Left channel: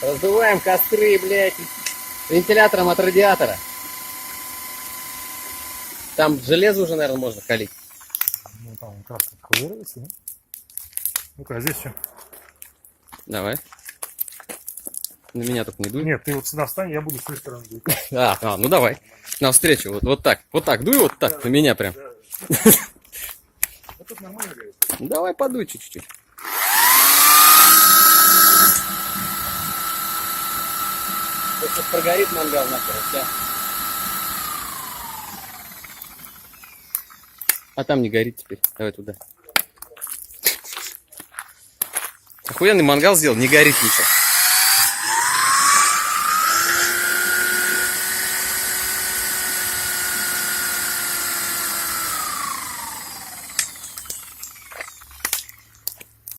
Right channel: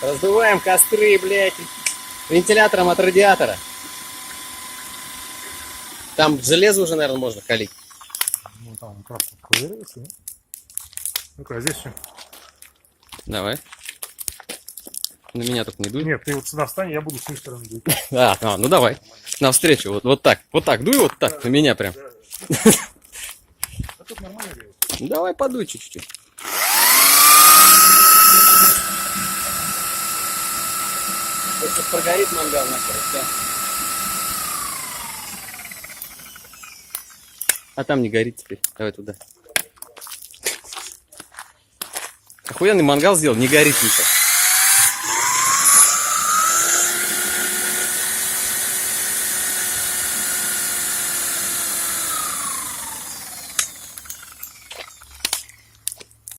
Раздуваем костры, блядь, вентилятором от радиатора. Там железо уже, наверное, можно калить. Ну там краска ковыряется, да? Ну-ка, а здесь что? Давай. На меня только не дуй. Нет, ты вот сюда встань, я буду с той стороны дуй. Ну давай. Навстречу. Вот так. Вот так. Дуй вот так. На меня прям. А тут нормально делает. Давай подуй чуть-чуть. Сейчас прогорит мангал нахер. Все. А там не горит теперь. Давай туда. Охуенный мангал сделал, не горит ничего.